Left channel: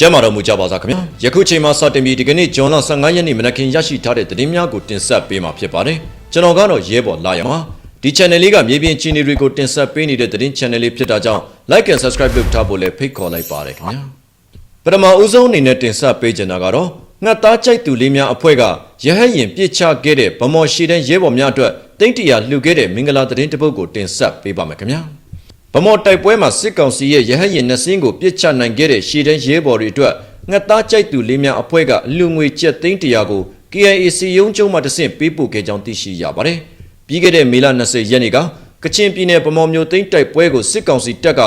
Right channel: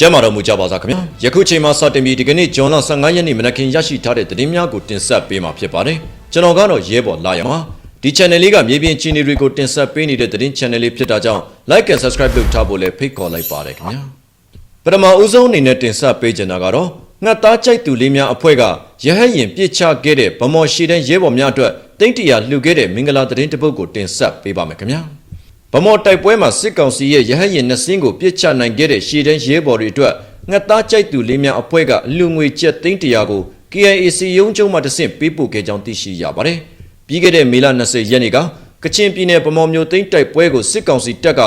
ကျမ်းမာတော်မူကြပါစားခင်ဗျာယခုချိန်မှာစတင်ပြီးဒီကနေ့ဂျွန်လ15ရက်နေ့မနက်ခင်းရရှိထားတဲ့သတင်းများကိုတင်ဆက်ပေးမှာဖြစ်ပါတယ်ကျွန်တော်ကတော့ရဲဘော်လာရမှာဒီ channel လေးကမြေပြင်ချင်းတွေကိုတင်ဆက်ပေးနေတဲ့သတင်း channel လေးဖြစ်တာကြောင့် like and subscribe လုပ်ထားဖို့လည်းဖိတ်ခေါ်လိုက်ပါတယ်ခင်ဗျာပထမဦးဆုံးအနေနဲ့တင်ဆက်ပေးချင်တာကတော့ငှက်သားကြိုက်သူလေးများအဖွဲ့ကရဟတ်ရင်ပြစ်ချခဲ့တဲ့ဗမော်ရှိတဲ့ရဲဘော်များအတွက်တိတ်တရာလှူခဲ့တဲ့မင်္ဂလာသတင်းတစ်ပုဒ်ကိုတင်ဆက်ပေးပါမယ်ခင်ဗျာ ဗမော်တိုက်ပွဲမှာစစ်ကောင်စီရဲ့ရဟတ်ရင်နှစင်းကိုပြစ်ချနိုင်ခဲ့တဲ့ရှေ့တန်းရဲဘော်တွေအတွက်ငှက်သားကြိုက်သူလေးများအဖွဲ့ကအလူငွေကျပ်သိန်းတရာကို KIAC ရုံးချုပ်မှတစ်ဆင့်ပေးပို့ခဲ့ကြောင်းသိရှိရပါတယ်။ပြီးခဲ့တဲ့မေလ20ရက်နေ့ကကချင်ပြည်နယ်ဗမော်မြို့သိန်းတိုက်ပွဲကိုစစ်ကောင်စီတပ်က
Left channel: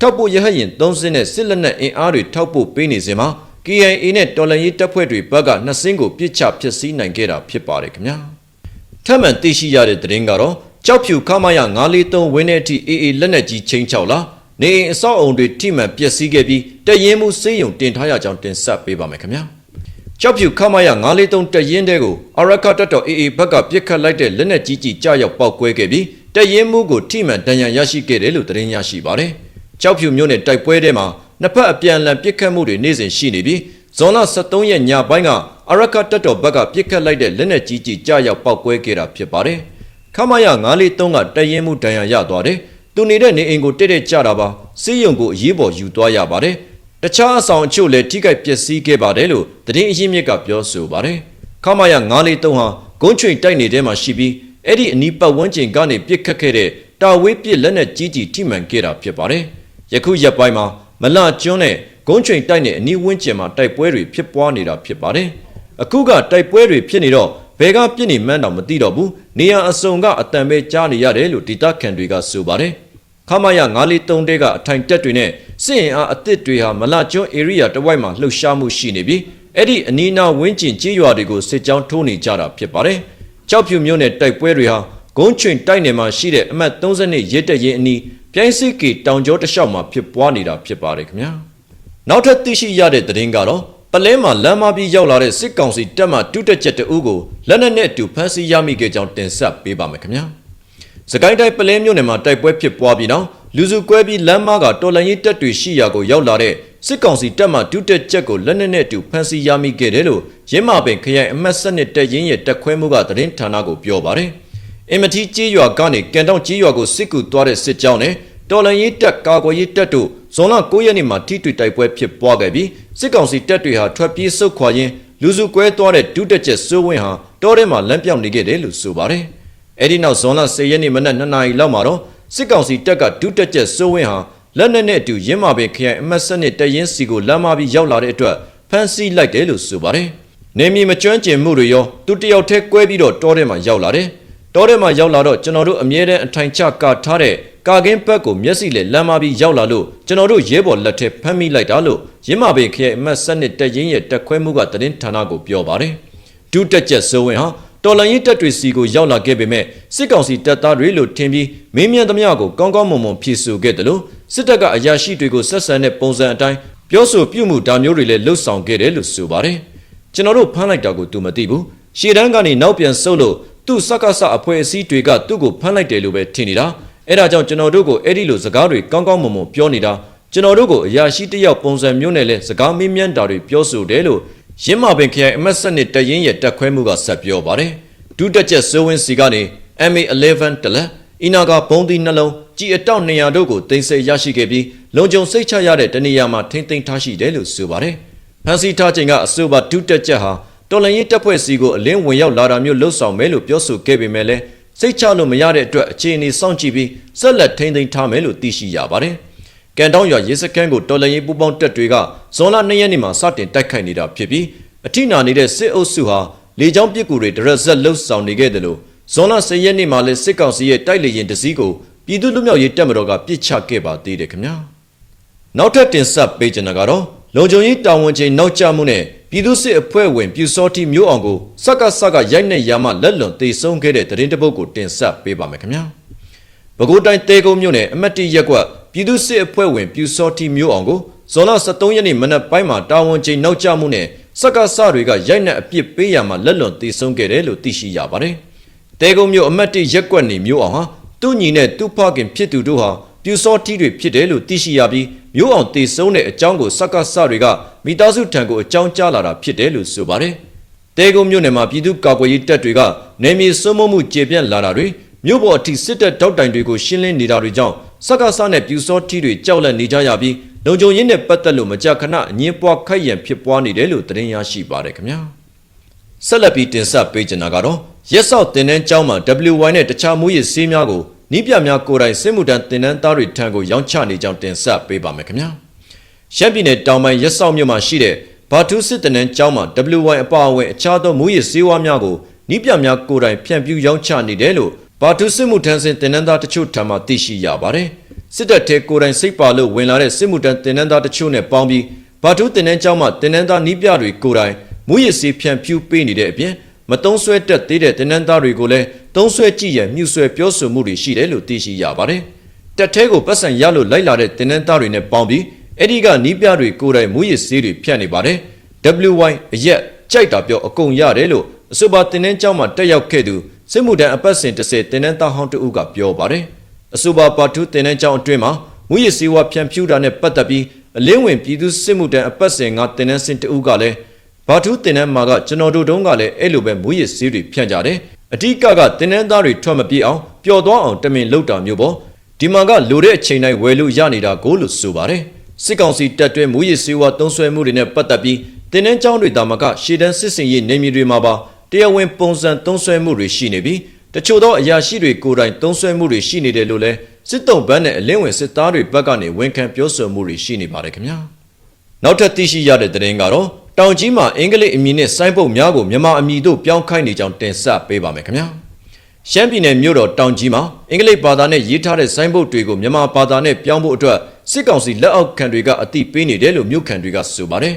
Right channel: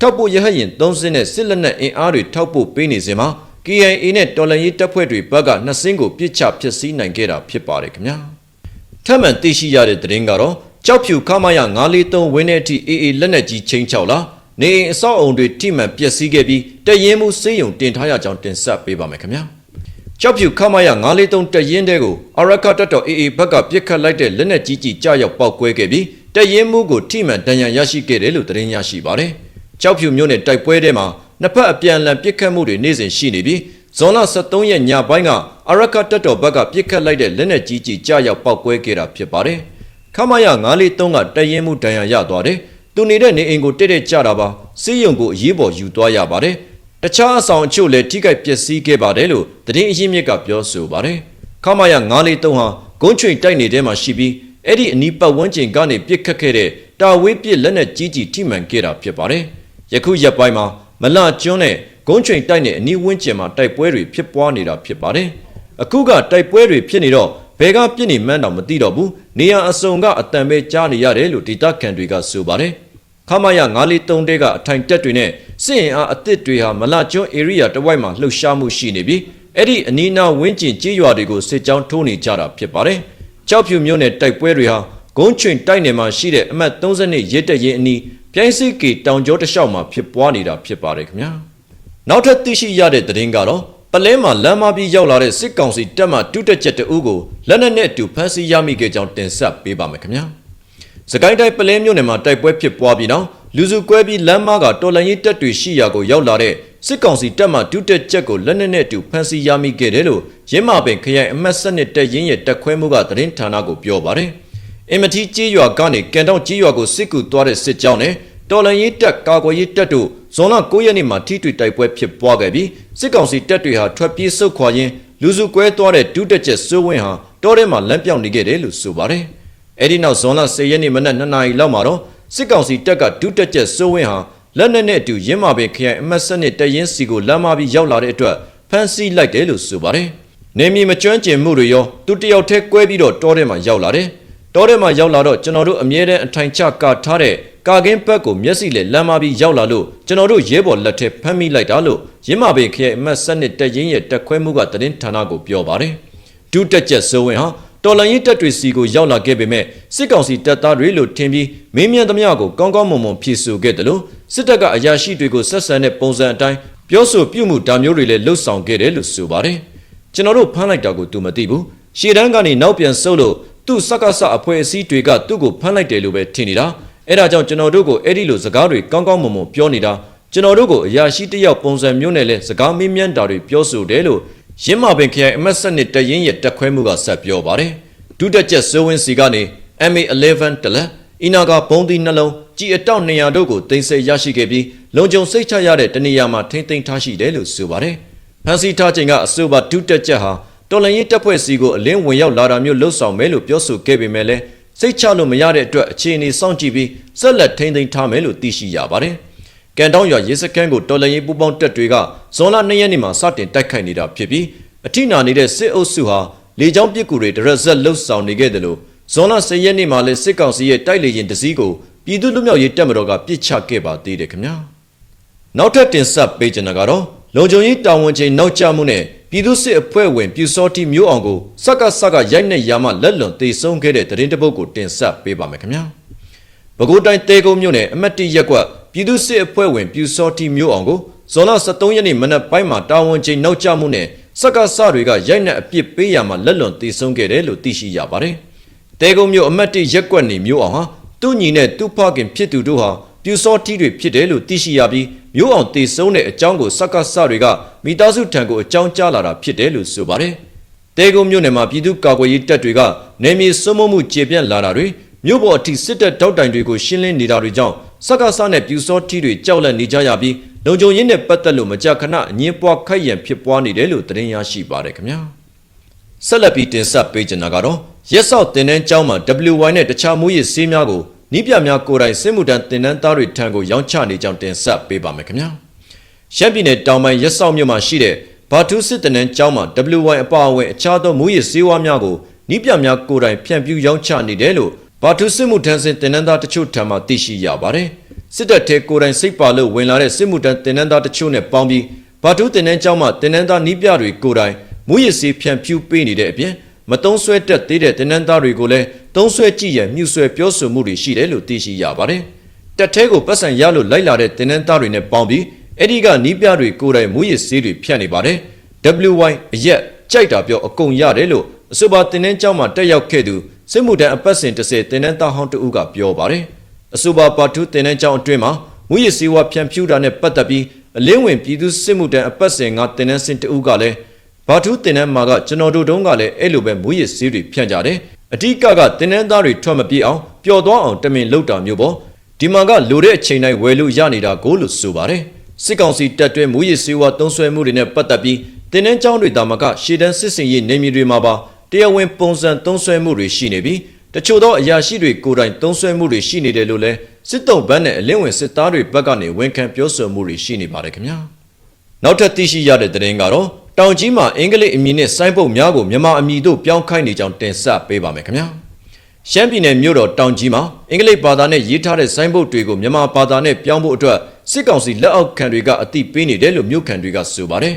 ထောက်ပို့ရဟတ်ရင်3စင်းနဲ့စစ်လက်နက်အင်အားတွေထောက်ပို့ပေးနေစဉ်မှာ KIA နဲ့တော်လန်ရေးတပ်ဖွဲ့တွေဘက်ကနှစင်းကိုပြစ်ချဖျက်ဆီးနိုင်ခဲ့တာဖြစ်ပါတယ်ခင်ဗျာ။ထပ်မံသိရှိရတဲ့သတင်းကတော့ ကြောက်ဖြူခမရ943ဝင်းတဲ့အထိအေးအေးလက်နက်ကြီးချင်းချောက်လာနေအိမ်အဆောက်အုံတွေထိမှန်ပျက်စီးခဲ့ပြီးတရင်မှုစင်းရုံတင်ထားရကြောင်းတင်ဆက်ပေးပါမယ်ခင်ဗျာကြောက်ဖြူခမရ943တရင်တဲကိုအရကတက်တော်အေးအေးဘက်ကပြစ်ခတ်လိုက်တဲ့လက်နက်ကြီးကြီးကြောက်ရောက်ပောက်ကွဲခဲ့ပြီးတရင်မှုကိုထိမှန်တန်ရန်ရရှိခဲ့တယ်လို့သတင်းရရှိပါတယ်ကြောက်ဖြူမြို့နယ်တိုက်ပွဲထဲမှာနှစ်ဖက်အပြန်အလှန်ပစ်ခတ်မှုတွေနေ့စဉ်ရှိနေပြီးဇွန်လ23ရက်ညပိုင်းကအရကတက်တော်ဘက်ကပြစ်ခတ်လိုက်တဲ့လက်နက်ကြီးကြီးကြောက်ရောက်ပောက်ကွဲခဲ့တာဖြစ်ပါတယ် ခမရ943ကတရင်မှုတန်ရန်ရသွားတယ်သူနေတဲ့နေအိမ်ကိုတက်တက်ကြတာပါစီးရုံကိုအရေးပေါ်ယူသွားရပါတယ်တခြားအဆောင်အချို့လည်းထိခိုက်ပျက်စီးခဲ့ပါတယ်လို့သတင်းအရင်းမြစ်ကပြောဆိုပါတယ်ခမရ943ဟာဂုံးချွင်တိုက်နေတဲ့မှာရှိပြီးအဲ့ဒီအနီးပတ်ဝန်းကျင်ကနေပြစ်ခတ်ခဲ့တဲ့တာဝေးပစ်လက်နက်ကြီးကြီးထိမှန်ခဲ့တာဖြစ်ပါတယ်ယခုရက်ပိုင်းမှာမလကျွန်းနဲ့ဂုံးချွင်တိုက်နဲ့အနီးဝန်းကျင်မှာတိုက်ပွဲတွေဖြစ်ပွားနေတာဖြစ်ပါတယ်အခုကတိုက်ပွဲတွေဖြစ်နေတော့ ဘယ်ကပြစ်နေမှန်းတော့မသိတော့ဘူးနေရာအစုံကအတန်ပဲကြားနေရတယ်လို့ဒေတာခန်တွေကဆိုပါတယ်ခမရ943တဲကအထိုင်တက်တွေနဲ့စစ်ရင်အားအသစ်တွေဟာမလကျွန်း area တစ်ဝိုက်မှာလှုပ်ရှားမှုရှိနေပြီးအဲ့ဒီအနီးနားဝင်းကျင်ကြီးရွာတွေကိုစစ်ကြောင်းထိုးနေကြတာဖြစ်ပါတယ်ကြောက်ဖြူမြို့နယ်တိုက်ပွဲတွေဟာဂုံးချွင်တိုက်နယ်မှာရှိတဲ့အမှတ်32ရဲတက်ရင်အနီးပြိုင်းစစ်ကီတောင်ကျောတစ်လျှောက်မှာဖြစ်ပွားနေတာဖြစ်ပါတယ်ခင်ဗျာနောက်ထပ်သိရှိရတဲ့သတင်းကတော့ပ လဲမှာလမ်းမပြီးရောက်လာတဲ့စစ်ကောင်စီတပ်မှတုတက်ချက်တအုပ်ကိုလက်နက်နဲ့အတူဖမ်းဆီးရမိခဲ့ကြောင်းတင်ဆက်ပေးပါမယ်ခင်ဗျာ။စကိုင်းတိုင်းပလဲမြို့နယ်မှာတိုက်ပွဲဖြစ်ပွားပြီးနောက်လူစုကွဲပြီးလမ်းမကတော်လန်ရေးတပ်တွေရှိရာကိုရောက်လာတဲ့စစ်ကောင်စီတပ်မှတုတက်ချက်ကိုလက်နက်နဲ့အတူဖမ်းဆီးရမိခဲ့တယ်လို့ရင်းမာပင်ခရိုင်အမတ်စနစ်တပ်ရင်းရဲ့တပ်ခွဲမှုကသတင်းဌာနကိုပြောပါတယ်။အင်မတီကြေးရွာကနေကန်တောင်ကြေးရွာကိုစစ်ကူသွားတဲ့စစ်ကြောင်းနဲ့တော်လန်ရေးတပ်ကာကွယ်ရေးတပ်တို့ ဇွန်လ9ရက်နေ့မှာထိတွေ့တိုက်ပွဲဖြစ်ပွားခဲ့ပြီးစစ်ကောင်စီတပ်တွေဟာထွက်ပြေးဆုတ်ခွာရင်းလူစုကွဲသွားတဲ့ဒုတက်ချက်စိုးဝင်းဟာတောထဲမှာလက်ပြောက်နေခဲ့တယ်လို့ဆိုပါတယ်။အဲဒီနောက်ဇွန်လ10ရက်နေ့မနက်2နာရီလောက်မှာတော့စစ်ကောင်စီတပ်ကဒုတက်ချက်စိုးဝင်းဟာလက်နက်နဲ့အတူရင်းမာပင်ခရိုင်အမတ်စနစ်တရင်စီကိုလမ်းမပြီးရောက်လာတဲ့အတွက်ဖမ်းဆီးလိုက်တယ်လို့ဆိုပါတယ်။နေမီမကျွမ်းကျင်မှုတွေရောသူတယောက်တည်းကွဲပြီးတော့တောထဲမှာရောက်လာတယ်။တောထဲမှာရောက်လာတော့ကျွန်တော်တို့အမြဲတမ်းအထိုင်ချကာထားတဲ့ ကာကင်းဘက်ကိုမျက်စိနဲ့လမ်းမပြီးရောက်လာလို့ကျွန်တော်တို့ရဲဘော်လက်ထက်ဖမ်းမိလိုက်တာလို့ရင်းမာပင်ခရိုင်အမတ်စနစ်တရင်ရဲ့တက်ခွဲမှုကသတင်းဌာနကိုပြောပါတယ်။ဒုတက်ချက်စိုးဝင်ဟာတော်လန်ရေးတပ်တွေစီကိုရောက်လာခဲ့ပေမဲ့စစ်ကောင်စီတပ်သားတွေလို့ထင်ပြီးမင်းမြန်သမျှကိုကောင်းကောင်းမွန်မွန်ဖြည့်ဆို့ခဲ့တယ်လို့စစ်တပ်ကအရာရှိတွေကိုဆက်ဆံတဲ့ပုံစံအတိုင်းပြောဆိုပြုမှုတာမျိုးတွေလည်းလှုပ်ဆောင်ခဲ့တယ်လို့ဆိုပါတယ်။ကျွန်တော်တို့ဖမ်းလိုက်တာကိုသူမသိဘူး။ရှေ့တန်းကနေနောက်ပြန်ဆုတ်လို့သူ့စက္ကစအဖွဲ့အစည်းတွေကသူ့ကိုဖမ်းလိုက်တယ်လို့ပဲထင်နေတာ။ အဲ့ဒါကြောင့်ကျွန်တော်တို့ကိုအဲ့ဒီလိုစကားတွေကောင်းကောင်းမွန်မွန်ပြောနေတာကျွန်တော်တို့ကိုအရာရှိတစ်ယောက်ပုံစံမျိုးနဲ့လဲစကားမင်းမြန်းတာတွေပြောဆိုတယ်လို့ရင်းမာပင်ခရိုင်အမတ်စနစ်တရင်ရဲ့တက်ခွဲမှုကဆက်ပြောပါတယ်။ဒုတက်ချက်စိုးဝင်းစီကနေ MA11 တလက်အီနာကဘုံသီးနှလုံးကြည်အတောက်200တို့ကိုတင်ဆက်ရရှိခဲ့ပြီးလုံခြုံစိတ်ချရတဲ့တနေရာမှာထိမ့်သိမ်းထားရှိတယ်လို့ဆိုပါတယ်။ဖန်စီထားချိန်ကအဆိုပါဒုတက်ချက်ဟာတော်လန်ရေးတပ်ဖွဲ့စီကိုအလင်းဝင်ရောက်လာတာမျိုးလှုပ်ဆောင်မယ်လို့ပြောဆိုခဲ့ပေမဲ့လည်း စိတ်ချလို့မရတဲ့အတွက်အခြေအနေစောင့်ကြည့်ပြီးဆက်လက်ထိမ့်သိမ်းထားမယ်လို့သိရှိရပါတယ်။ကန်တောင်းရွာရေစခန်းကိုတော်လန်ရေးပူးပေါင်းတပ်တွေကဇွန်လ2ရက်နေ့မှာစတင်တိုက်ခိုက်နေတာဖြစ်ပြီးအထိနာနေတဲ့စစ်အုပ်စုဟာလေကြောင်းပစ်ကူတွေတရက်ဆက်လှုပ်ဆောင်နေခဲ့တယ်လို့ဇွန်လ10ရက်နေ့မှာလည်းစစ်ကောင်စီရဲ့တိုက်လေရင်တစည်းကိုပြည်သူ့လူမျိုးရေးတပ်မတော်ကပြစ်ချခဲ့ပါသေးတယ်ခင်ဗျာ။နောက်ထပ်တင်ဆက်ပေးချင်တာကတော့လုံခြုံရေးတာဝန်ချိန်နောက်ကျမှုနဲ့ ပြည်သူ့စစ်အဖွဲ့ဝင်ပြူစောတိမျိုးအောင်ကိုစက္ကစကရိုက်နှက်ရမှလက်လွန်တေဆုံးခဲ့တဲ့သတင်းတပုတ်ကိုတင်ဆက်ပေးပါမယ်ခင်ဗျာ။ပဲခူးတိုင်းတဲကုန်းမြို့နယ်အမတ်တိရက်ကွက်ပြည်သူ့စစ်အဖွဲ့ဝင်ပြူစောတိမျိုးအောင်ကိုဇွန်လ23ရက်နေ့မနက်ပိုင်းမှာတာဝန်ချိန်နောက်ကျမှုနဲ့စက္ကစတွေကရိုက်နှက်အပြစ်ပေးရမှလက်လွန်တေဆုံးခဲ့တယ်လို့သိရှိရပါတယ်။တဲကုန်းမျိုးအမတ်တိရက်ကွက်နေမျိုးအောင်ဟာသူ့ညီနဲ့သူ့ဖခင်ဖြစ်သူတို့ဟာပြူစောတိတွေဖြစ်တယ်လို့သိရှိရပြီးမျိုးအောင်တေဆုံးတဲ့အကြောင်းကိုစက္ကစတွေက မမိသားစုထံကိုအကြောင်းကြားလာတာဖြစ်တယ်လို့ဆိုပါတယ်။တဲကုန်းမြို့နယ်မှာပြည်သူ့ကာကွယ်ရေးတပ်တွေကနေမြေစွမ်းမမှုကျေပြန့်လာတာတွေမြို့ပေါ်အထိစစ်တပ်တောက်တိုင်တွေကိုရှင်းလင်းနေတာတွေကြောင့်စက္ကစနဲ့ပြူစောထီတွေကြောက်လန့်နေကြရပြီးလုံခြုံရေးနဲ့ပတ်သက်လို့မကြာခဏအငင်းပွားခိုက်ရန်ဖြစ်ပွားနေတယ်လို့သတင်းရရှိပါတယ်ခင်ဗျာ။ဆက်လက်ပြီးတင်ဆက်ပေးချင်တာကတော့ရက်စောက်တင်နန်းကျောင်းမှာ WY နဲ့တခြားမူရစ်ဆေးများကိုနီးပြများကိုယ်တိုင်စစ်မှုထမ်းတင်နန်းသားတွေထံကိုရောင်းချနေကြောင်းတင်ဆက်ပေးပါမယ်ခင်ဗျာ။ ရှမ်းပြည်နယ်တောင်ပိုင်းရက်စောက်မြို့မှာရှိတဲ့ဘာတူးစစ်တင်နန်းကျောင်းမှာ WY အပါအဝင်အခြားသောမူရစ်ဆေးဝါးများကိုနီးပြများကိုယ်တိုင်ဖြန့်ဖြူးရောင်းချနေတယ်လို့ဘာတူးစစ်မှုထမ်းစဉ်တင်နန်းသားတချို့ထံမှသိရှိရပါတယ်။စစ်တပ်ထဲကိုယ်တိုင်စိတ်ပါလို့ဝင်လာတဲ့စစ်မှုထမ်းတင်နန်းသားတချို့နဲ့ပေါင်းပြီးဘာတူးတင်နန်းကျောင်းမှာတင်နန်းသားနီးပြတွေကိုယ်တိုင်မူရစ်ဆေးဖြန့်ဖြူးပေးနေတဲ့အပြင်မတုံးဆွဲတက်သေးတဲ့တင်နန်းသားတွေကိုလည်းတုံးဆွဲကြည့်ရန်မြှုဆွဲပြောဆိုမှုတွေရှိတယ်လို့သိရှိရပါတယ်။တက်ထဲကိုပတ်စံရလို့လိုက်လာတဲ့တင်နန်းသားတွေနဲ့ပေါင်းပြီး အဲ့ဒီကနီးပြတွေကိုယ်တိုင်မူရစ်ဆေးတွေဖြန့်နေပါတယ်။ WY အရက်ကြိုက်တာပြောအကုန်ရတယ်လို့အဆိုပါတင်နန်းကျောင်းမှာတက်ရောက်ခဲ့သူစစ်မှုထမ်းအပတ်စဉ်တစ်စတင်နန်းသားဟောင်းတဦးကပြောပါတယ်။အဆိုပါပါတူးတင်နန်းကျောင်းအတွင်းမှာမူရစ်ဆေးဝါးဖြန့်ဖြူးတာနဲ့ပတ်သက်ပြီးအလင်းဝင်ပြည်သူစစ်မှုထမ်းအပတ်စဉ်ကတင်နန်းစင်တဦးကလည်းဘာထူးတင်နန်းမှာကကျွန်တော်တို့တုန်းကလည်းအဲ့လိုပဲမူရစ်ဆေးတွေဖြန့်ကြတယ်။အဓိကကတင်နန်းသားတွေထွက်မပြေအောင်ပျော်သွားအောင်တမင်လုပ်တာမျိုးပေါ့။ဒီမှာကလိုတဲ့အချိန်တိုင်းဝယ်လို့ရနေတာကိုလို့ဆိုပါတယ်။ စစ်ကောင်စီတပ်တွဲမူရစ်ဆေးဝါးသုံးဆွဲမှုတွေနဲ့ပတ်သက်ပြီးတင်နန်းကျောင်းတွေတာမကရှေ့တန်းစစ်စင်ရေးနေမြေတွေမှာပါတရားဝင်ပုံစံသုံးဆွဲမှုတွေရှိနေပြီးတချို့သောအရာရှိတွေကိုယ်တိုင်သုံးဆွဲမှုတွေရှိနေတယ်လို့လည်းစစ်တုံးဘန်းနဲ့အလင်းဝင်စစ်သားတွေဘက်ကနေဝန်ခံပြောဆိုမှုတွေရှိနေပါတယ်ခင်ဗျာနောက်ထပ်သိရှိရတဲ့သတင်းကတော့တောင်ကြီးမှာအင်္ဂလိပ်အမည်နဲ့ဆိုင်းပုတ်များကိုမြန်မာအမည်တို့ပြောင်းခိုင်းနေကြောင်းတင်ဆက်ပေးပါမယ်ခင်ဗျာရှမ်းပြည်နယ်မြို့တော်တောင်ကြီးမှာအင်္ဂလိပ်ဘာသာနဲ့ရေးထားတဲ့ဆိုင်းပုတ်တွေကိုမြန်မာဘာသာနဲ့ပြောင်းဖို့အတွက် စစ်ကောင်စီလက်အောက်ခံတွေကအတိပေးနေတယ်လို့မြို့ခံတွေကဆိုပါတယ်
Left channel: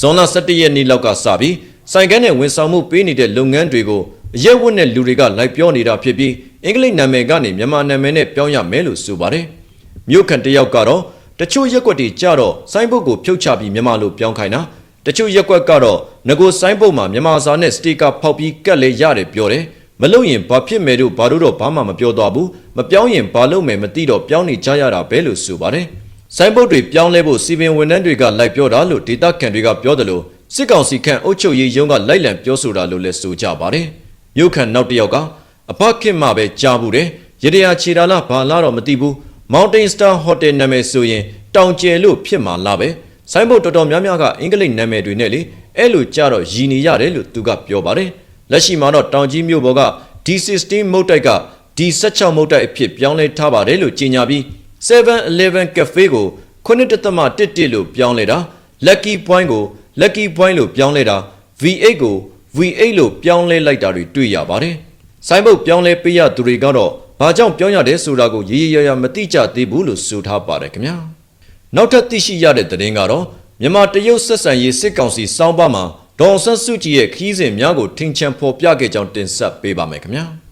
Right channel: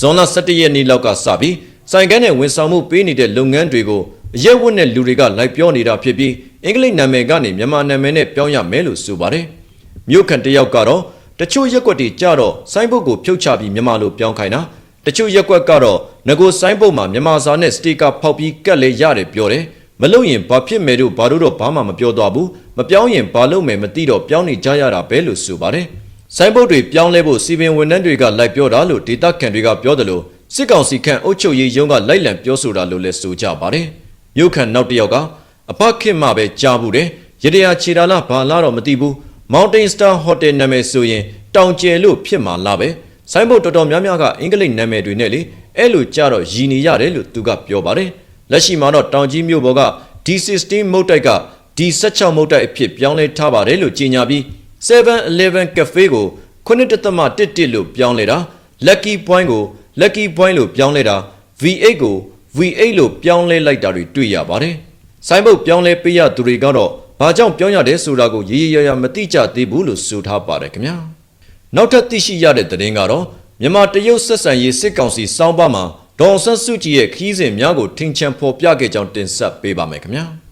ဇွန်လ17ရက်နေ့လောက်ကစပြီးဆိုင်ကန်းနဲ့ဝန်ဆောင်မှုပေးနေတဲ့လုပ်ငန်းတွေကိုအရက်ဝတ်တဲ့လူတွေကလိုက်ပြောနေတာဖြစ်ပြီးအင်္ဂလိပ်နာမည်ကနေမြန်မာနာမည်နဲ့ပြောင်းရမယ်လို့ဆိုပါတယ်။မြို့ခံတယောက်ကတော့တချို့ရက်ွက်တွေကြတော့ဆိုင်းဘုတ်ကိုဖြုတ်ချပြီးမြန်မာလိုပြောင်းခိုင်းတာတချို့ရက်ွက်ကတော့ငကိုဆိုင်းဘုတ်မှာမြန်မာစာနဲ့စတီကာဖောက်ပြီးကတ်လေရတယ်ပြောတယ်။မလို့ရင်ဘာဖြစ်မယ်လို့ဘာလို့တော့ဘာမှမပြောတော့ဘူးမပြောင်းရင်ဘာလုပ်မယ်မသိတော့ပြောင်းနေကြရတာပဲလို့ဆိုပါတယ်။ ဆိုင်းဘုတ်တွေပြောင်းလဲဖို့စီပင်ဝန်ထမ်းတွေကလိုက်ပြောတာလို့ဒေတာကန်တွေကပြောတယ်လို့စစ်ကောင်စီခန့်အုပ်ချုပ်ရေးရုံးကလိုက်လံပြောဆိုတာလို့လည်းဆိုကြပါတယ်။မြို့ခံနောက်တစ်ယောက်ကအဖခင်မှပဲကြားဘူးတယ်။ရတရာခြေတာလားဘာလားတော့မသိဘူး။ Mountain Star Hotel နာမည်ဆိုရင်တောင်ကျယ်လို့ဖြစ်မှာလားပဲ။ဆိုင်းဘုတ်တော်တော်များများကအင်္ဂလိပ်နာမည်တွေနဲ့လေအဲ့လိုကြတော့ရည်နေရတယ်လို့သူကပြောပါတယ်။လက်ရှိမှာတော့တောင်ကြီးမြို့ပေါ်က D16 မုတ်တိုက်က D16 မုတ်တိုက်အဖြစ်ပြောင်းလဲထားပါတယ်လို့ကြေညာပြီး 7-Eleven Cafe ကို9.11လို့ပြောင်းလဲတာ Lucky Point ကို Lucky Point လို့ပြောင်းလဲတာ V8 ကို V8 လို့ပြောင်းလဲလိုက်တာတွေတွေ့ရပါတယ်။ဆိုင်းဘုတ်ပြောင်းလဲပေးရသူတွေကတော့ဘာကြောင့်ပြောင်းရတယ်ဆိုတာကိုရေရေရရမသိကြသေးဘူးလို့ဆိုထားပါတယ်ခင်ဗျာ။နောက်ထပ်သိရှိရတဲ့သတင်းကတော့မြန်မာတရုတ်ဆက်ဆံရေးစစ်ကောင်စီစောင်းပါမှာဒေါ်ဆန်းစုကြည်ရဲ့ခီးစဉ်များကိုထင်ချန်ဖော်ပြခဲ့ကြောင်းတင်ဆက်ပေးပါမယ်ခင်ဗျာ။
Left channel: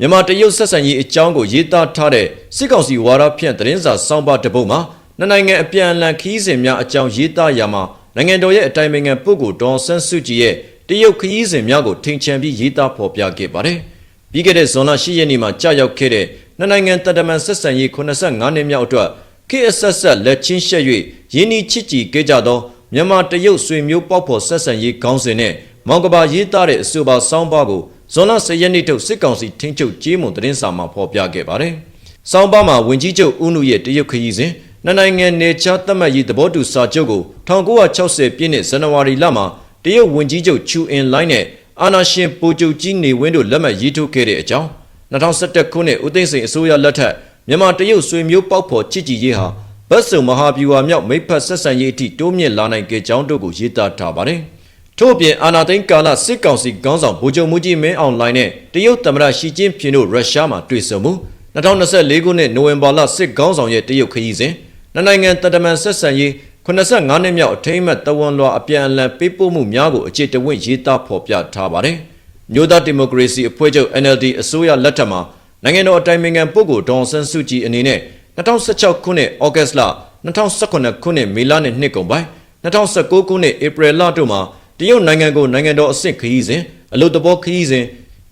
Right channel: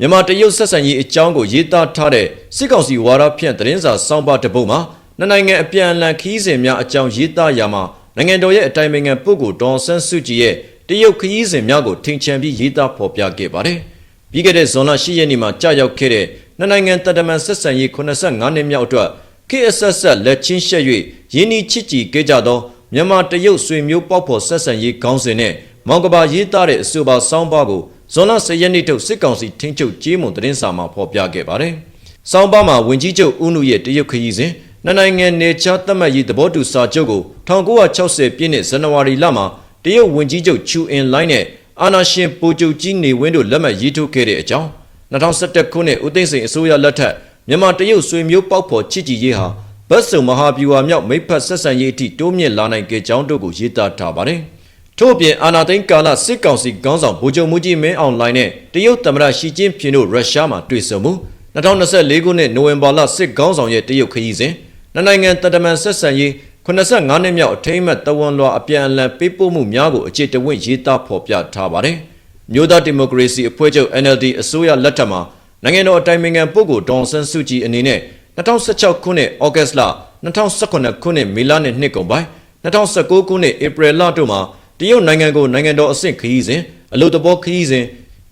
မြန်မာတရုတ်ဆက်ဆံရေးအကြောင်းကိုရေးသားထားတဲ့စစ်ကောင်စီဝါဒဖြန့်သတင်းစာစောင်းပါတစ်ပုဒ်မှာနှစ်နိုင်ငံအပြန်အလှန်ခီးစဉ်များအကြောင်းရေးသားရမှာနိုင်ငံတော်ရဲ့အတိုင်ပင်ခံပုဂ္ဂိုလ်ဒေါ်ဆန်းစုကြည်ရဲ့တရုတ်ခရီးစဉ်များကိုထင်ချန်ပြီးရေးသားဖော်ပြခဲ့ပါတယ်။ပြီးခဲ့တဲ့ဇွန်လ10ရက်နေ့မှာကြာရောက်ခဲ့တဲ့နှစ်နိုင်ငံတဒမန်ဆက်ဆံရေး85နှစ်မြောက်အတွက်ခေတ်အဆက်ဆက်လက်ချင်းရှက်၍ရင်းနှီးချစ်ကြည်ခဲ့ကြသောမြန်မာတရုတ်ဆွေမျိုးပေါက်ဖော်ဆက်ဆံရေးခေါင်းစဉ်နဲ့မောင်ကဘာရေးသားတဲ့အဆိုပါစောင်းပါကို ဇွန်လ10ရက်နေ့ထုတ်စစ်ကောင်စီထင်းချုပ်ကြေးမွန်သတင်းစာမှာဖော်ပြခဲ့ပါတယ်။စောင်းပါမှာဝင်ကြီးချုပ်ဦးနုရဲ့တရုတ်ခရီးစဉ်နှစ်နိုင်ငံနေချာသတ်မှတ်ရေးသဘောတူစာချုပ်ကို1960ပြည့်နှစ်ဇန်နဝါရီလမှာတရုတ်ဝန်ကြီးချုပ်ချူအင်လိုင်းနဲ့အာနာရှင်ပိုချုပ်ကြီးနေဝင်းတို့လက်မှတ်ရေးထိုးခဲ့တဲ့အကြောင်း2011ခုနှစ်ဦးသိန်းစိန်အစိုးရလက်ထက်မြန်မာတရုတ်ဆွေမျိုးပေါက်ဖော်ချစ်ကြည်ရေးဟာဗတ်စုံမဟာဗျူဟာမြောက်မိဖက်ဆက်ဆံရေးအထိတိုးမြင့်လာနိုင်ကြကြောင်းတို့ကိုရေးသားထားပါတယ်။ ထို့အပြင်အာနာသိန်းကာလစစ်ကောင်စီခေါင်းဆောင်ဗိုလ်ချုပ်မူကြီးမင်းအောင်လှိုင်နဲ့တရုတ်သမ္မတရှီကျင်းဖျင်တို့ရုရှားမှာတွေ့ဆုံမှု2024ခုနှစ်နိုဝင်ဘာလစစ်ခေါင်းဆောင်ရဲ့တရုတ်ခရီးစဉ်နှစ်နိုင်ငံတတမန်ဆက်ဆံရေး85နှစ်မြောက်အထိမ်းအမှတ်တဝန်လွှာအပြန်အလှန်ပေးပို့မှုများကိုအခြေတဝင့်ရေးသားဖော်ပြထားပါတယ်။မြို့သားဒီမိုကရေစီအဖွဲ့ချုပ် NLD အစိုးရလက်ထက်မှာနိုင်ငံတော်အတိုင်ပင်ခံပုဂ္ဂိုလ်ဒေါ်ဆန်းစုကြည်အနေနဲ့2016ခုနှစ်ဩဂတ်စ်လ2018ခုနှစ်မေလနဲ့နှစ်ကုန်ပိုင်း2019ခုနှစ်ဧပြီလတို့မှာ တရုတ်နိုင်ငံကိုနိုင်ငံတော်အဆင့်ခရီးစဉ်အလို့တဘောခရီးစဉ်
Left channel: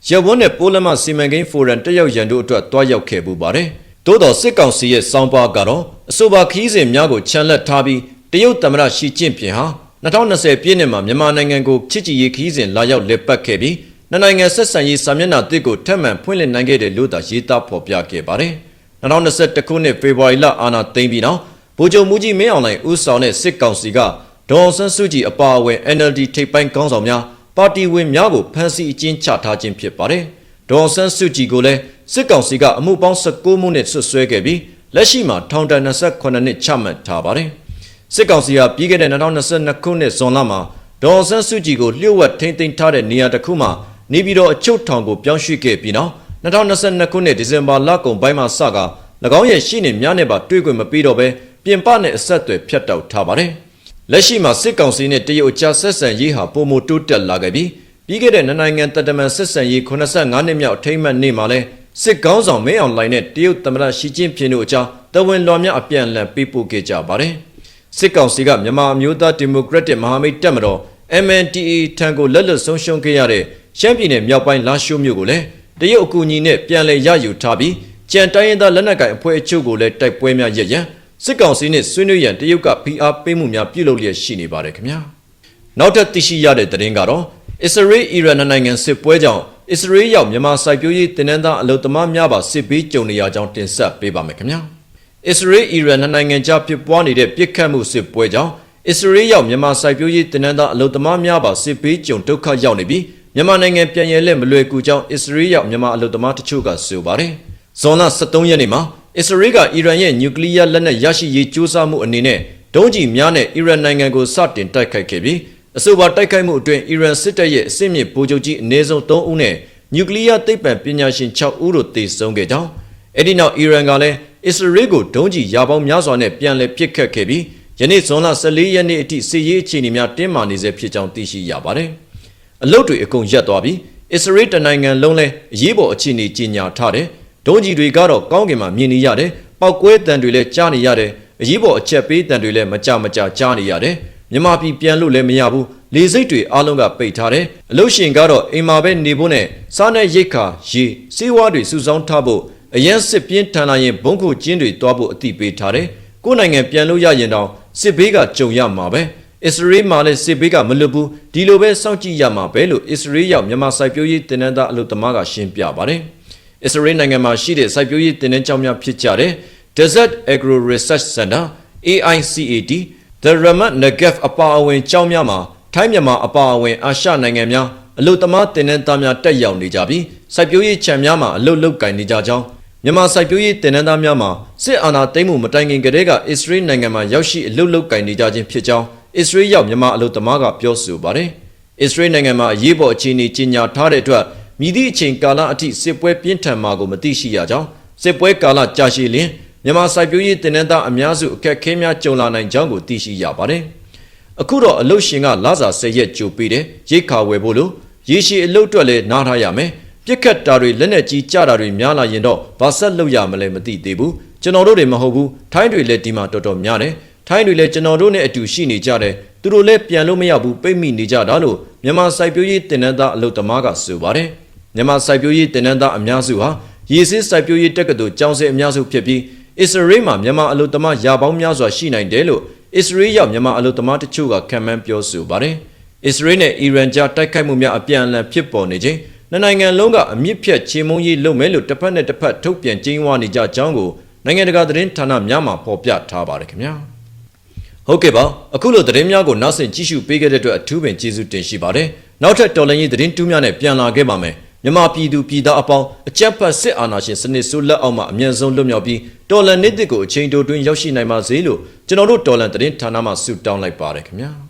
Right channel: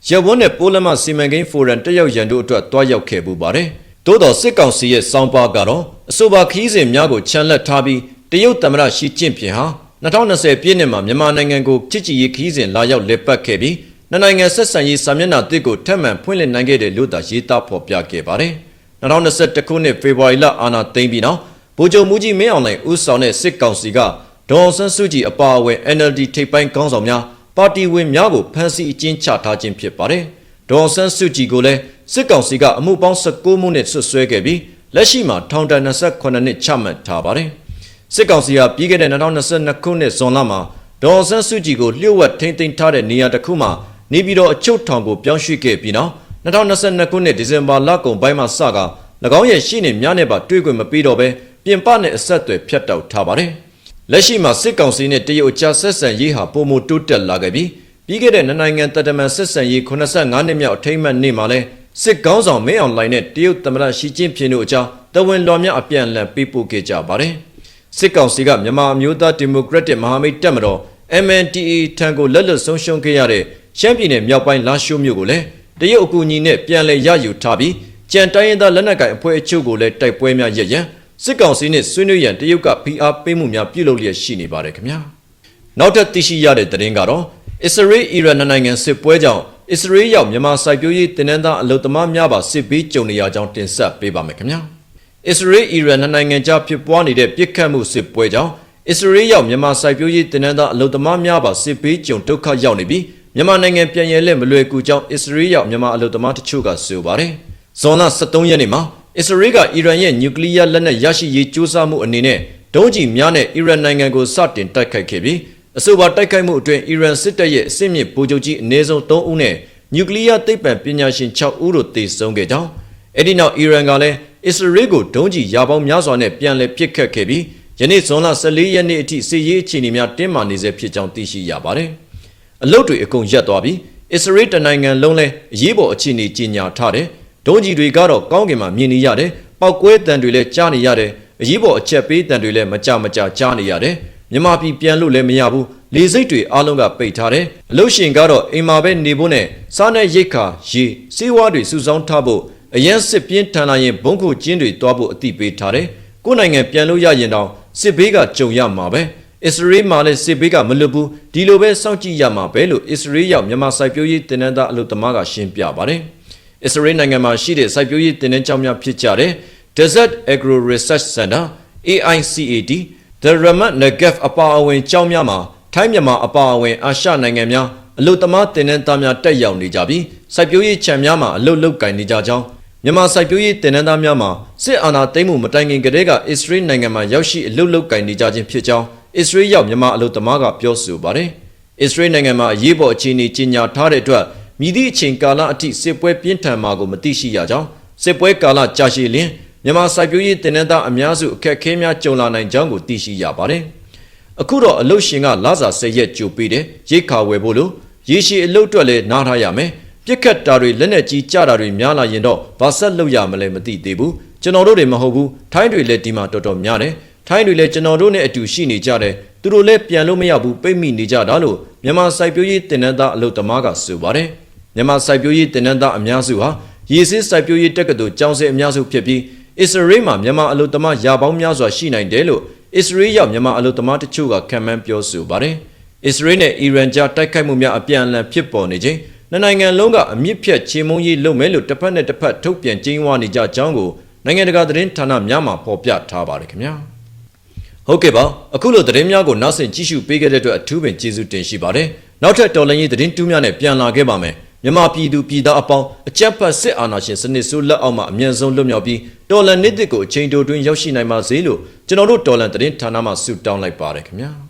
ရပ်ဝန်းနဲ့ပိုးလမစီမံကိန်းဖိုရမ်တက်ရောက်ရန်တို့အတွက်တွားရောက်ခဲ့ပူပါတယ်။သို့တော်စစ်ကောင်စီရဲ့စောင်းပါကတော့အဆိုပါခီးစဉ်များကိုချန်လက်ထားပြီးတရုတ်သမ္မတရှီကျင့်ဖျင်ဟာ2020ပြည့်နှစ်မှာမြန်မာနိုင်ငံကိုချစ်ကြည်ရေးခီးစဉ်လာရောက်လည်ပတ်ခဲ့ပြီးနှစ်နိုင်ငံဆက်ဆံရေးစာမျက်နှာတစ်ကိုထပ်မံဖွင့်လှစ်နိုင်ခဲ့တဲ့လို့သာရေးသားဖော်ပြခဲ့ပါတယ်။2021ခုနှစ်ဖေဖော်ဝါရီလအာဏာသိမ်းပြီးနောက်ဗိုလ်ချုပ်မူကြီးမင်းအောင်လှိုင်ဦးဆောင်တဲ့စစ်ကောင်စီက ဒေါ်အောင်ဆန်းစုကြည်အပါအဝင် NLD ထိပ်ပိုင်းခေါင်းဆောင်များပါတီဝင်များကိုဖမ်းဆီးအကျဉ်းချထားခြင်းဖြစ်ပါတယ်။ဒေါ်အောင်ဆန်းစုကြည်ကိုလည်းစစ်ကောင်စီကအမှုပေါင်း19မှုနဲ့ဆွဆွဲခဲ့ပြီးလက်ရှိမှာထောင်ဒဏ်28နှစ်ချမှတ်ထားပါတယ်။စစ်ကောင်စီကပြီးခဲ့တဲ့2022ခုနှစ်ဇွန်လမှာဒေါ်အောင်ဆန်းစုကြည်ကိုလျှို့ဝှက်ထိန်းသိမ်းထားတဲ့နေရာတစ်ခုမှာနေပြည်တော်အချုပ်ထောင်ကိုပြောင်းရွှေ့ခဲ့ပြီးနောက်2022ခုနှစ်ဒီဇင်ဘာလကုန်ပိုင်းမှာစက၎င်းရဲ့ရှိနေများနဲ့ပါတွေ့ခွင့်မပေးတော့ဘဲပြင်ပနဲ့အဆက်အသွယ်ဖြတ်တောက်ထားပါတယ်။ လက်ရှိမှာစစ်ကောင်စီနဲ့တရုတ်ကြားဆက်ဆံရေးဟာပုံမတိုးတက်လာခဲ့ပြီးပြီးခဲ့တဲ့နိုင်ငံတတမန်ဆက်ဆံရေး85နှစ်မြောက်အထိမ်းအမှတ်နေ့မှာလဲစစ်ကောင်းဆောင်မင်းအောင်လှိုင်နဲ့တရုတ်သမ္မတရှီကျင်းပင်တို့အကြောင်းတဝန်တော်များအပြန်အလှန်ပေးပို့ခဲ့ကြပါတယ်။စစ်ကောင်စီကမြန်မာအမျိုးသားဒီမိုကရက်တစ်မဟာမိတ်တပ်မတော် MNDAA ထံကိုလက်လွတ်ဆုံးရှုံးခဲ့ရတဲ့ရှမ်းပြည်နယ်မြောက်ပိုင်းလာရှိုးမြို့ကိုလည်းတရုတ်အကူအညီနဲ့ပြန်လည်ရယူထားပြီးကြံတိုင်းရင်းသားလက်နက်ကိုင်အဖွဲ့အချုပ်ကိုလည်းတိုက်ပွဲများရရန် စစ်ကောင်စီနဲ့ဆွေးနွေးရန်တရုတ်ကဖိအားပေးမှုများပြုလုပ်လျက်ရှိနေပါတယ်ခင်ဗျာနောက်ထပ်သိရှိရတဲ့သတင်းကတော့အစ္စရေးအီရန်နိုင်ငံစစ်ပွဲကြောင့်အစ္စရေးရောက်မြန်မာစိုက်ပျိုးရေးတင်နန်းသားအလုံသမားများပါစစ်ပြီးကြုံနေရကြောင်းတင်ဆက်ပေးပါမယ်ခင်ဗျာအစ္စရေးအီရန်နိုင်ငံကြားဖြစ်ပွားနေတဲ့ပြစ်ခတ်မှုစစ်ပွဲကြောင့်အစ္စရေးရောက်မြန်မာစိုက်ပျိုးရေးတင်နန်းသားအလုံသမားများပါစစ်ပြီးကြုံဒုက္ခရောက်နေပြီးမြန်မာနိုင်ငံပြည်ရင်းလက်မလွယ်ကူကြောင်းအစ္စရေးရောက်မြန်မာအလုံသမားတချို့ကဆိုပါတယ်ဇွန်လ23ရက်နေ့မှာ အစ္စရေးကအီရန်ရဲ့နျူကလ িয়ার လက်နက်ရရှိရေးကြိုးစားမှုအနေနဲ့ဒုံးကျည်များနဲ့အီရန်နိုင်ငံကိုစတင်တိုက်ခိုက်ခဲ့ပြီးအဆိုပါတိုက်ခိုက်မှုအတွင်းအီရန်စစ်တပ်ရဲ့အစစ်မြစ်ဗိုလ်ချုပ်ကြီးအနည်းဆုံး3ဦးနဲ့နျူကလ িয়ার သိပ္ပံပညာရှင်6ဦးတို့သေဆုံးခဲ့ကြောင်းအဲ့ဒီနောက်အီရန်ကလည်းအစ္စရေးကိုဒုံးကျည်ရာပေါင်းများစွာနဲ့ပြန်လည်ပစ်ခတ်ခဲ့ပြီးယနေ့ဇွန်လ14ရက်နေ့အထိစီရေးအခြေအနေများတင်းမာနေဆဲဖြစ်ကြောင်းသိရှိရပါတယ်အလုတ်တွေအကုန်ရပ်သွားပြီးအစ္စရေးတနိုင်ငံလုံးလဲအရေးပေါ်အခြေအနေကြီးညာထားတယ် ဒုံးကြီးတွေကတော့ကောင်းကင်မှာမြင်နေရတယ်ပောက်ကွဲတံတွေလည်းကြားနေရတယ်အရေးပေါ်အချက်ပေးတံတွေလည်းမကြမကြကြားနေရတယ်မြန်မာပြည်ပြန်လို့လည်းမရဘူးလေစိတ်တွေအားလုံးကပိတ်ထားတယ်အလို့ရှင်ကတော့အိမ်မှာပဲနေဖို့နဲ့စားနဲ့ရိတ်ခါရေစေးဝါးတွေစုဆောင်းထားဖို့အရန်စစ်ပြင်းထန်လာရင်ဘုံခုကျင်းတွေတွားဖို့အတိပေးထားတယ်ကိုယ်နိုင်ငံပြန်လို့ရရင်တော့စစ်ဘေးကကြုံရမှာပဲအစ္စရေးမှာလည်းစစ်ဘေးကမလွတ်ဘူးဒီလိုပဲစောင့်ကြည့်ရမှာပဲလို့အစ္စရေးရောက်မြန်မာစိုက်ပျိုးရေးတင်နန်းသားအလို့သမားကရှင်းပြပါတယ် အစ္စရေးနိုင်ငံမှာရှိတဲ့စိုက်ပျိုးရေးတင်နန်းကျောင်းများဖြစ်ကြတဲ့ Desert Agro Research Center AICAD The Ramat Negev အပါအဝင်ကျောင်းများမှာထိုင်းမြန်မာအပါအဝင်အာရှနိုင်ငံများအလို့သမားတင်နန်းသားများတက်ရောက်နေကြပြီးစိုက်ပျိုးရေးခြံများမှာအလုပ်လုပ်ကင်နေကြကြောင်းမြန်မာစိုက်ပျိုးရေးတင်နန်းသားများမှာစစ်အာဏာသိမ်းမှုမတိုင်ခင်ကတည်းကအစ္စရေးနိုင်ငံမှာရောက်ရှိအလုပ်လုပ်ကင်နေကြခြင်းဖြစ်ကြောင်းအစ္စရေးရောက်မြန်မာအလုပ်သမားကပြောဆိုပါတယ်။အစ္စရေးနိုင်ငံမှာအရေးပေါ်အခြေအနေကြီးညာထားတဲ့အတွက် မြည်သည့်အချိန်ကာလအထိစစ်ပွဲပြင်းထန်မှာကိုမသိရှိရကြောင်းစစ်ပွဲကာလကြာရှည်လျင်မြန်မာစိုက်ပျိုးရေးတင်နန်းသားအများစုအခက်အခဲများကြုံလာနိုင်ကြောင်းကိုသိရှိရပါတယ်။အခုတော့အလုရှင်ကလာစာစစ်ရက်ကြိုပေးတဲ့ရိတ်ခါဝယ်ဖို့လို့ရေရှည်အလုတ်အတွက်လည်းနားထားရမယ်။ပြစ်ခတ်တာတွေလက်နဲ့ကြီးကြတာတွေများလာရင်တော့ဘာဆက်လုပ်ရမလဲမသိသေးဘူး။ကျွန်တော်တို့တွေမဟုတ်ဘူး။ထိုင်းတွေလည်းဒီမှာတော်တော်များတယ်။ထိုင်းတွေလည်းကျွန်တော်တို့နဲ့အတူရှိနေကြတယ်။သူတို့လည်းပြန်လို့မရဘူးပိတ်မိနေကြတာလို့မြန်မာစိုက်ပျိုးရေးတင်နန်းသားအလုတ်သမားကဆိုပါတယ်။ မြန်မာစိုက်ပျိုးရေးတင်နန်းသားအများစုဟာရေစစ်စိုက်ပျိုးရေးတက္ကသိုလ်ကျောင်းဆင်းအများစုဖြစ်ပြီးအစ္စရေးမှာမြန်မာအလုတ်သမားရာပေါင်းများစွာရှိနိုင်တယ်လို့အစ္စရေးရောက်မြန်မာအလုတ်သမားတချို့ကခံမှန်းပြောဆိုပါတယ်။အစ္စရေးနဲ့အီရန်ကြားတိုက်ခိုက်မှုများအပြန်အလှန်ဖြစ်ပေါ်နေခြင်းနှစ်နိုင်ငံလုံးကအမြင့်ဖြတ်ချေမှုန်းရေးလုပ်မယ်လို့တစ်ဖက်နဲ့တစ်ဖက်ထုတ်ပြန်ကြေညာနေကြကြောင်းကိုနိုင်ငံတကာသတင်းဌာနများမှဖော်ပြထားပါတယ်ခင်ဗျာ။ဟုတ်ကဲ့ပါအခုလိုသတင်းများကိုနောက်ဆင်ကြည့်ရှုပေးခဲ့တဲ့အတွက်အထူးပင်ကျေးဇူးတင်ရှိပါတယ်။နောက်ထပ်တော်လှန်ရေးသတင်းတူးများနဲ့ပြန်လာခဲ့ပါမယ်။ မြန်မာပြည်သူပြည်သားအပေါင်းအကြက်ဖက်စစ်အာဏာရှင်စနစ်စုလက်အောက်မှာအမြန်ဆုံးလွတ်မြောက်ပြီးတော်လန်နေ့တစ်ကိုအချိန်တိုတွင်ရောက်ရှိနိုင်ပါစေလို့ကျွန်တော်တို့တော်လန်သတင်းဌာနမှဆုတောင်းလိုက်ပါတယ်ခင်ဗျာ။